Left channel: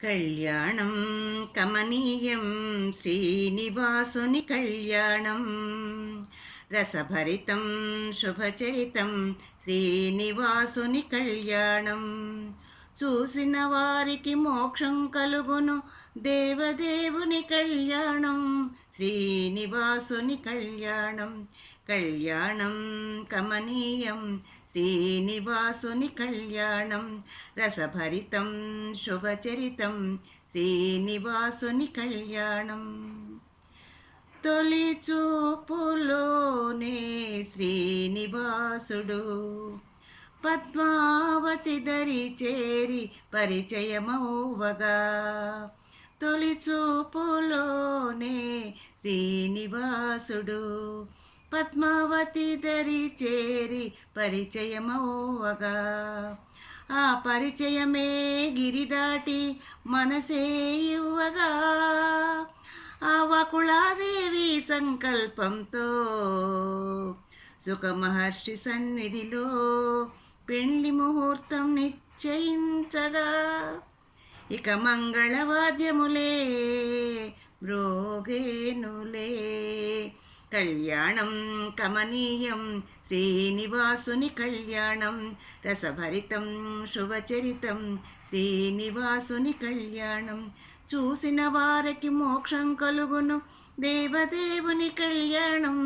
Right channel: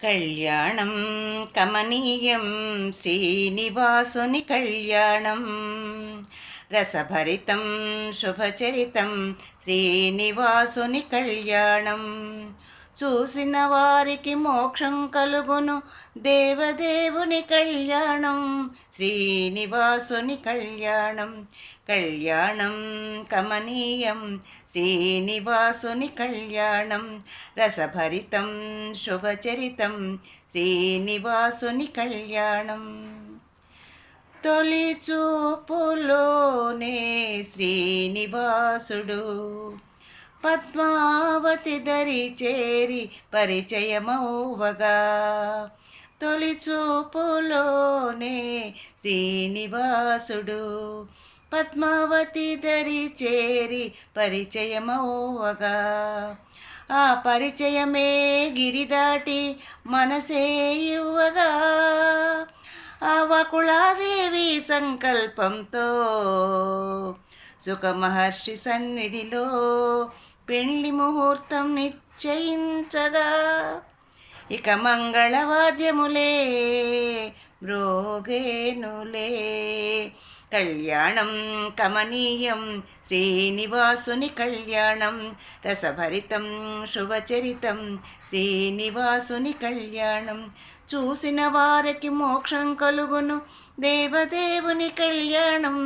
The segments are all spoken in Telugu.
కళ్యాణం కమనీయం శ్రీనివాసుని కళ్యాణం రసభరితం శుభచరితం శ్రీనివాసుని కళ్యాణం చూసిన వారికి మోక్షం కలుగును దేవదేవుని కళ్యాణం శ్రీనివాసుని కళ్యాణం కళ్యాణం కమనీయం శ్రీనివాసుని కళ్యాణం రసభరితం శుభచరితం శ్రీనివాసుని కళ్యాణం తొలి చూపులోనే శ్రీనివాసుడు పద్మావతి దరి చేరి పరిచయమవ్వగా తొలి చూపులోనే శ్రీనివాసుడు పద్మావతి దరి చేరి పరిచయమవ్వగా ఆ పరిచయమే గిరిదాటి మనసే ఇవ్వగా ఆ వకుళాదేవి సంకల్పంతో సుఖమహర్షి సన్నిధిలో పెళ్లి ముహూర్తం నిశ్చయించగా ఇక మంగళవాద్యములే మ్రోగేనులే కళ్యాణం కమనీయం శ్రీనివాసుని కళ్యాణం రసభరితం శుభచరితం శ్రీనివాసుని కళ్యాణం చూసిన వారికి మోక్షం కలుగును దేవదేవుని కళ్యాణం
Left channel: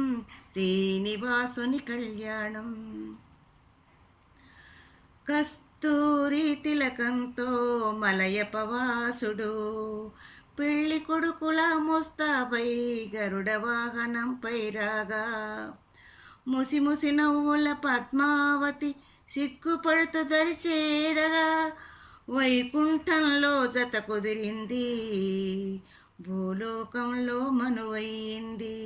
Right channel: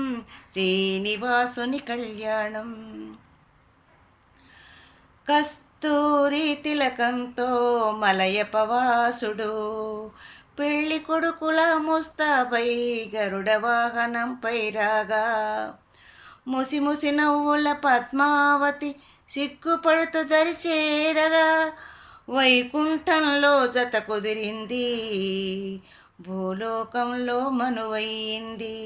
శ్రీనివాసుని కళ్యాణం కస్తూరి తిలకంతో మలయపవాసుడు పెళ్లి కొడుకుల ముస్తాబై గరుడ వాహనంపై రాగా ముసిముసి నవ్వుల పద్మావతి సిగ్గుపడుతూ దరిచేరగా వైకుంఠంలో జత కుదిరింది భూలోకంలో మనువయ్యింది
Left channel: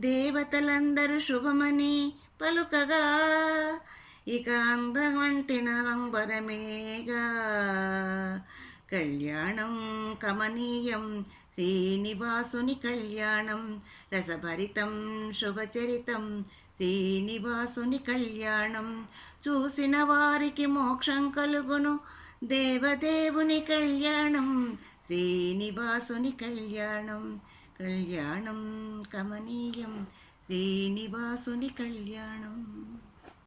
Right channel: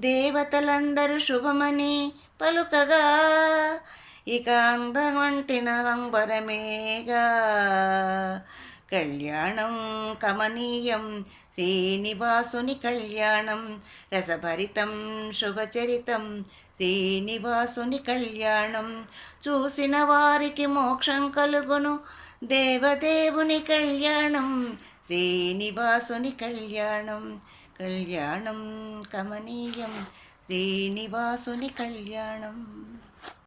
దేవతలందరూ శుభమని పలుకగా ఇక అందమంటిన లంబరమేగా కళ్యాణం కమనీయం శ్రీనివాసుని కళ్యాణం రసభరితం శుభచరితం శ్రీనివాసుని కళ్యాణం చూసిన వారికి మోక్షం కలుగును దేవదేవుని కళ్యాణం శ్రీనివాసుని కళ్యాణం కళ్యాణం కమనీయం శ్రీనివాసుని కళ్యాణం.